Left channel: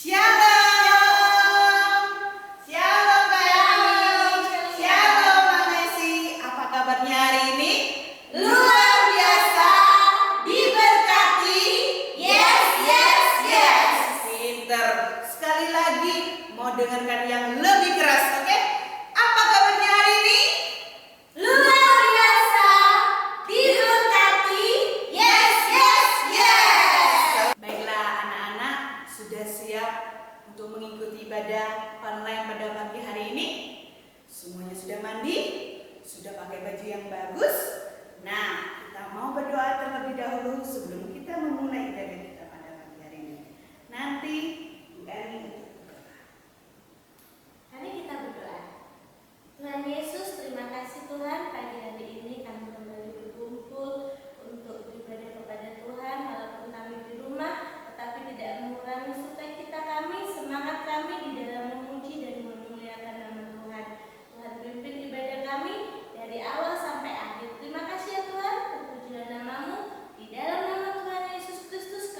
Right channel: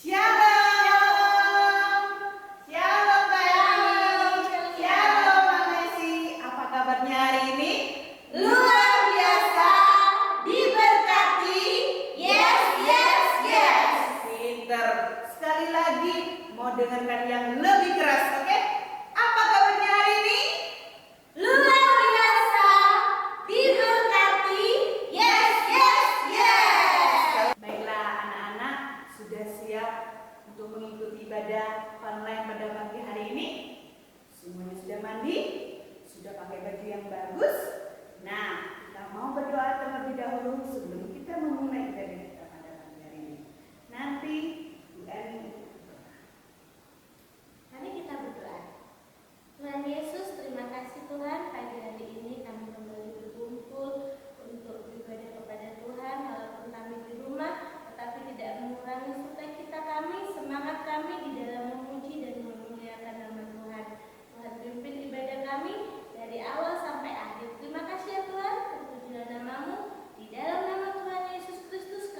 Shalom, shalom Kak Eni, shalom Kak Messi. Apa kabarnya hari ini? Luar biasa, diberkati. Yes, yes, yes. Pinter. Sekali lagi mau dengarkan yang lebih keras, oke? Apa kabarnya hari ini? Luar biasa, diberkati. Yes, yes, yes. Baiklah anak-anak, sudah siap untuk mengikuti ibadah online pada pagi hari ini? Semuanya sudah mandi? Sudah pakai baju yang bagus? Nah, kita mau berdoa terlebih dahulu sebelum kita memulai ibadah kita pada pagi hari ini. Nanti Bu Eni untuk berdoa. Mari kita berdoa. Tuhan Yesus, terima kasih Tuhan, pagi hari ini kami kembali berkumpul untuk beribadah kepada Tuhan, walaupun kami di rumah, tetapi tidak mengurangi sukacita kami, semangat kami di dalam memuji dan memuliakan nama Tuhan. Tuhan pimpin ibadah kami dari awal sampai akhir. Terima kasih ya Tuhan, terpujilah namamu. Di dalam nama Tuhan Yesus Kristus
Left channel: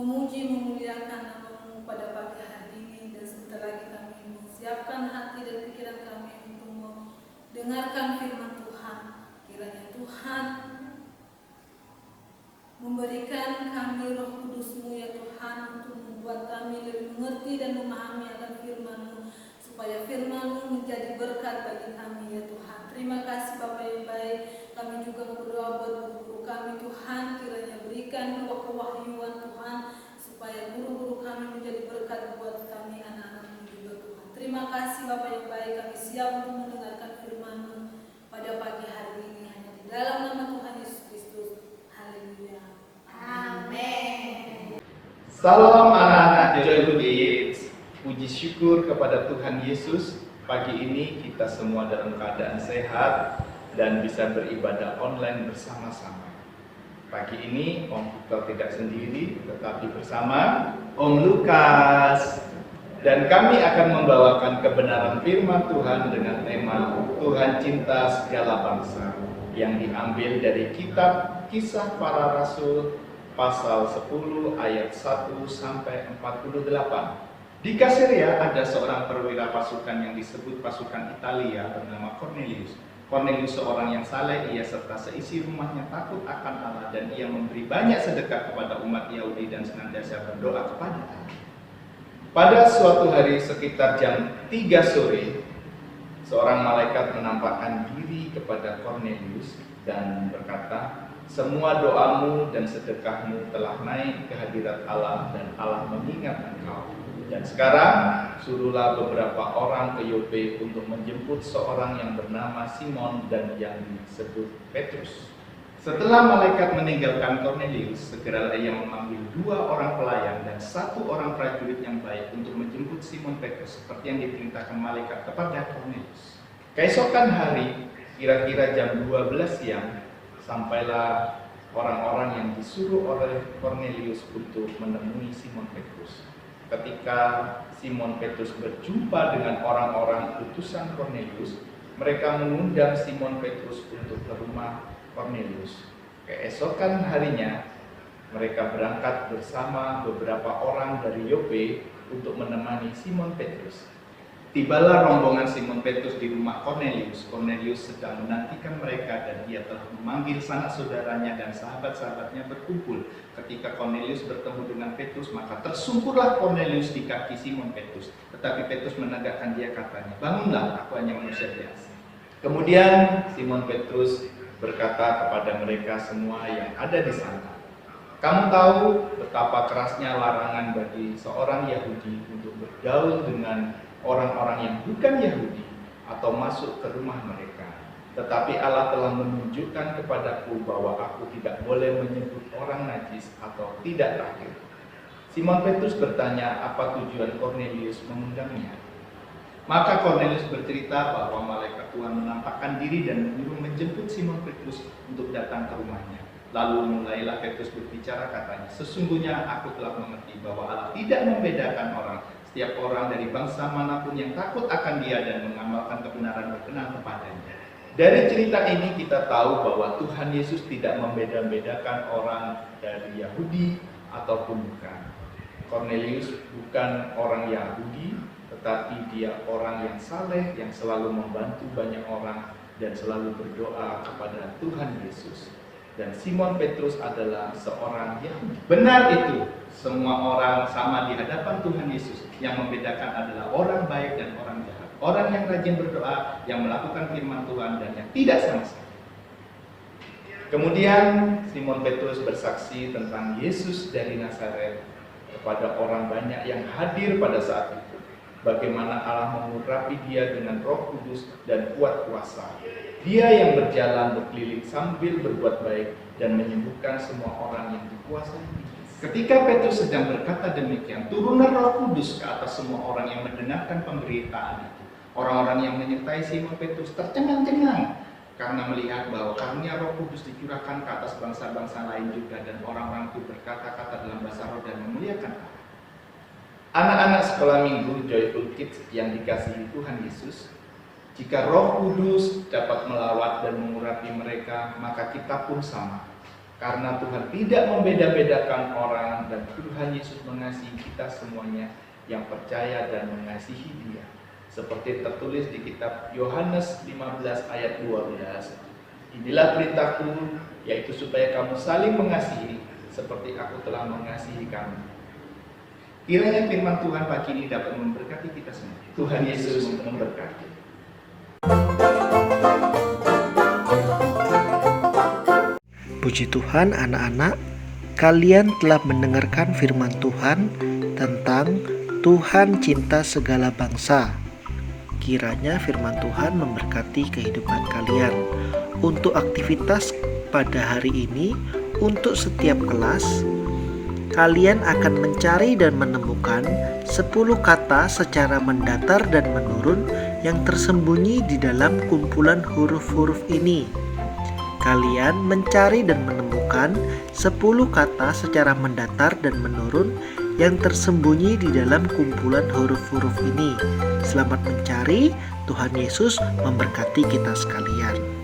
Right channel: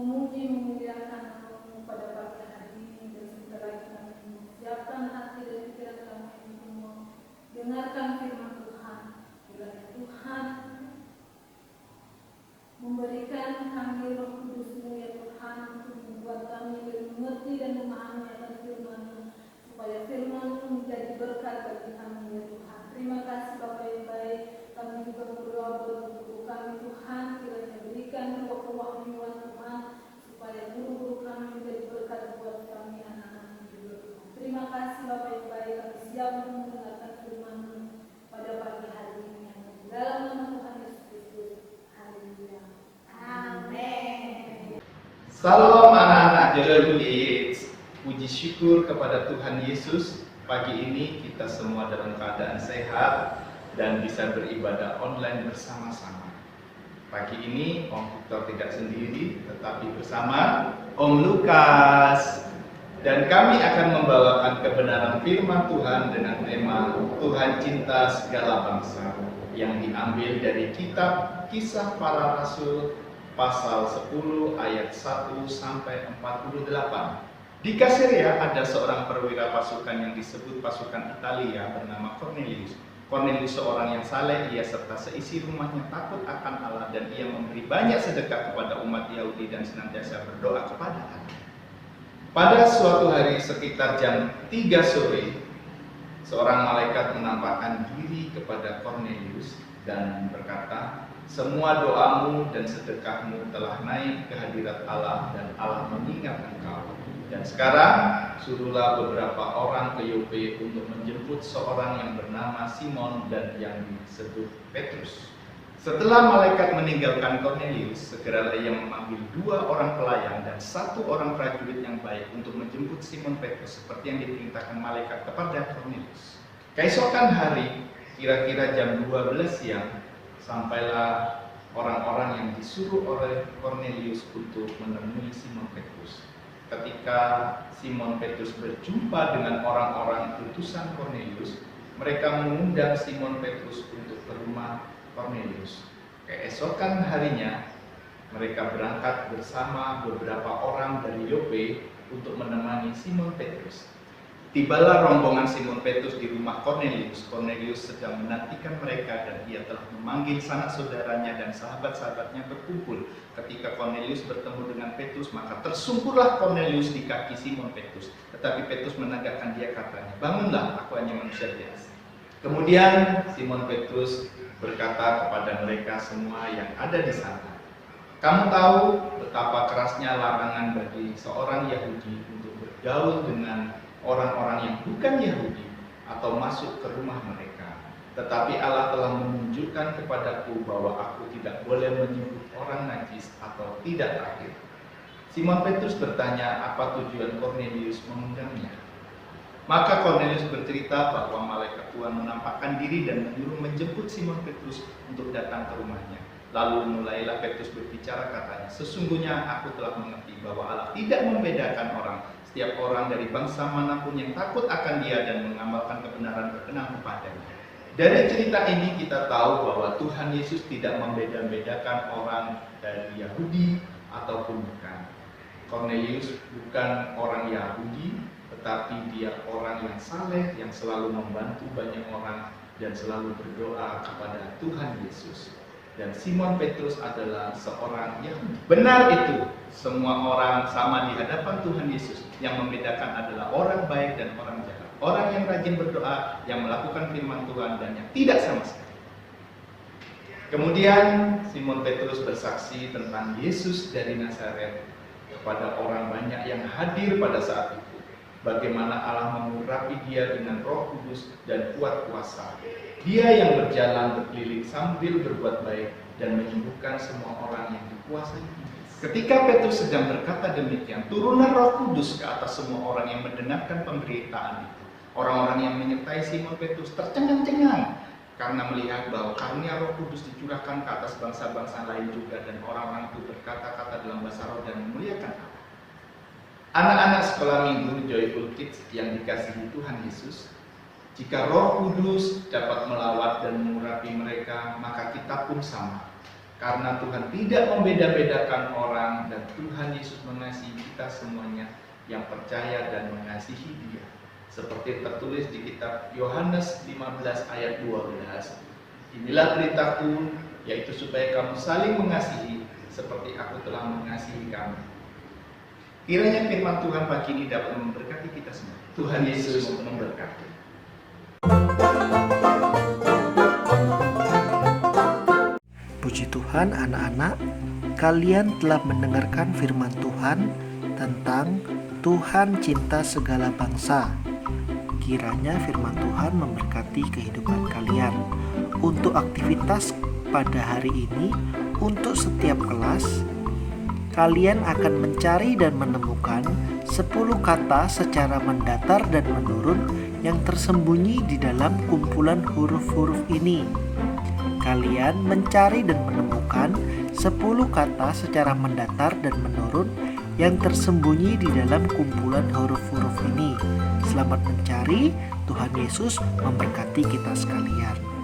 memuji memuliakan nama-Mu pada pagi hari ini, dan sebentar lagi kami mempersiapkan hati dan pikiran kami untuk mendengarkan firman Tuhan. Kiranya Tuhan memberikan kami Roh Kudus-Mu ya Tuhan, untuk membuat kami lebih mengerti dan memahami akan firman-Mu, supaya firman-Mu menjadi berkat bagi kami ya Tuhan. Terima kasih Bapa yang baik. Kami juga berdoa buat guru-guru kami Tuhan, kiranya berikan kewahyuan Tuhan, supaya guru-guru kami menjadi berkat buat kami anak-anak-Mu juga Tuhan. Terima kasih Bapa yang baik, kami siap untuk mendengarkan firman-Mu pada pagi hari ini, hanya di dalam nama Tuhan Yesus Kristus. Haleluya. Amin. Salam anak-anak Joy Kids. Puji syukur kepada Tuhan Yesus. Pagi ini kita semua dalam keadaan sehat dan bisa beribadah online bersama-sama. Pagi ini Om Victor tidak sendiri, tetapi bersama Om Lukas. Dan kami akan membawakan kebenaran firman Tuhan dengan tema Tuhan cinta segala bangsa, yang diambil dari kitab Kisah Para Rasul pasal 10 ayat 1 sampai 48. Di Kaesarea ada seorang perwira pasukan yang disebut pasukan Italia bernama Cornelius. Cornelius seorang yang saleh, ia serta seisi rumahnya takut akan Allah, dan ia memberi banyak sedekah kepada umat Yahudi dan senantiasa berdoa kepada Allah. Pada suatu hari sekitar jam 3 sore, seorang malaikat menampakkan diri kepada Cornelius dan berkata, "Semua doamu dan sedekahmu telah naik ke hadirat Allah, dan Allah mengingat engkau. Dan sekarang suruhlah beberapa orang ke Yope untuk menjemput seorang yang bernama Simon dan yang disebut Petrus." Setelah malaikat meninggalkan Cornelius, segeralah ia memanggil 2 orang pelayan dan 1 orang prajurit yang baik untuk menjemput Simon Petrus, seperti yang diperintahkan malaikat kepada Cornelius. Keesokan hari, kira-kira jam 12 siang, sampailah orang-orang yang disuruh oleh Cornelius untuk menemui Simon Petrus. Ketika Simon Petrus berjumpa dengan orang-orang utusan Cornelius, mereka mengundang Simon Petrus untuk ke rumah Cornelius. Keesokan harinya, mereka berangkat bersama beberapa orang dari Yope untuk menemani Simon Petrus. Tibalah rombongan Simon Petrus di rumah Cornelius. Cornelius sedang menantikan mereka, dan ia telah memanggil sanak saudaranya dan sahabat-sahabatnya berkumpul. Ketika Cornelius bertemu dengan Petrus, maka tersungkurlah Cornelius di kaki Simon Petrus. Tetapi Petrus menegakkan dia, katanya, "Bangunlah, aku hanya manusia biasa." Kemudian Simon Petrus berkata kepada mereka semua yang ada di sana, "Kamu tahu betapa kerasnya larangan bagi seorang Yahudi untuk bergaul dengan orang-orang yang bukan Yahudi atau masuk ke rumah mereka. Tetapi Allah telah menunjukkan kepadaku bahwa aku tidak boleh menyebut orang najis atau tidak terakhir." Simon Petrus bertanya apa tujuan Cornelius mengundangnya. Maka Cornelius bercerita bahwa malaikat Tuhan menampakkan diri dan menyuruh menjemput Simon Petrus untuk datang ke rumahnya. Lalu mulailah Petrus berbicara, katanya, "Sesungguhnya aku telah mengerti bahwa Allah tidak membedakan orang. Setiap orang dari bangsa manapun yang takut akan Dia dan mengamalkan kebenaran berkenan kepadanya." Dari cerita ini kita tahu bahwa Tuhan Yesus tidak membeda-bedakan orang dari Yahudi ataupun bukan. Cornelius bukan orang Yahudi, tetapi dia orang yang saleh, yang selalu membantu banyak orang dan selalu berdoa kepada Tuhan Yesus. Dan Simon Petrus adalah seorang Yahudi. Benar itu, semua orang sama di hadapan Tuhan Yesus. Yang membedakan adalah orang baik dan orang jahat. Orang yang rajin berdoa, yang melakukan firman Tuhan, dan yang tidak sama sekali. Kemudian Simon Petrus bersaksi tentang Yesus dari Nazaret kepada orang banyak yang hadir pada saat itu. Bagaimana Allah mengurapi dia dengan Roh Kudus dan kuat kuasa. Dia yang berjalan berkeliling sambil berbuat baik dan menyembuhkan semua orang yang dikuasai. Ketika Petrus sedang berkata demikian, turunlah Roh Kudus ke atas semua orang yang mendengarkan pemberitaan itu. Orang-orang yang menyertai Simon Petrus tercengang-cengang karena melihat bahwa karunia Roh Kudus dicurahkan ke atas bangsa-bangsa lain juga, dan orang-orang itu berkata-kata dalam bahasa roh dan memuliakan Allah. Anak-anak sekolah minggu Joyful Kids yang dikasihi Tuhan Yesus, jika Roh Kudus dapat melawat dan mengurapi mereka, maka kita pun sama. Karena Tuhan tidak membeda-bedakan orang dan Tuhan Yesus mengasihi kita semuanya yang percaya dan mengasihi Dia. Seperti tertulis di kitab Yohanes 15 ayat 12. Inilah perintahku, yaitu supaya kamu saling mengasihi seperti aku telah mengasihi kamu. Kiranya firman Tuhan pagi ini dapat memberkati kita semua. Tuhan Yesus memberkati. Puji Tuhan, anak-anak, kalian telah mendengarkan firman Tuhan tentang Tuhan cinta segala bangsa. Kiranya firman Tuhan memberkati kehidupan kalian. Untuk aktivitas pada hari ini, untuk setiap kelas, kalian akan mencari dan menemukan 10 kata secara mendatar dan menurun yang tersembunyi di dalam kumpulan huruf-huruf ini. Kalian mencari dan menemukan 10 kata secara mendatar dan menurun yang tersembunyi di dalam kumpulan huruf-huruf ini. Selamat mencari, Tuhan Yesus memberkati kita sekalian.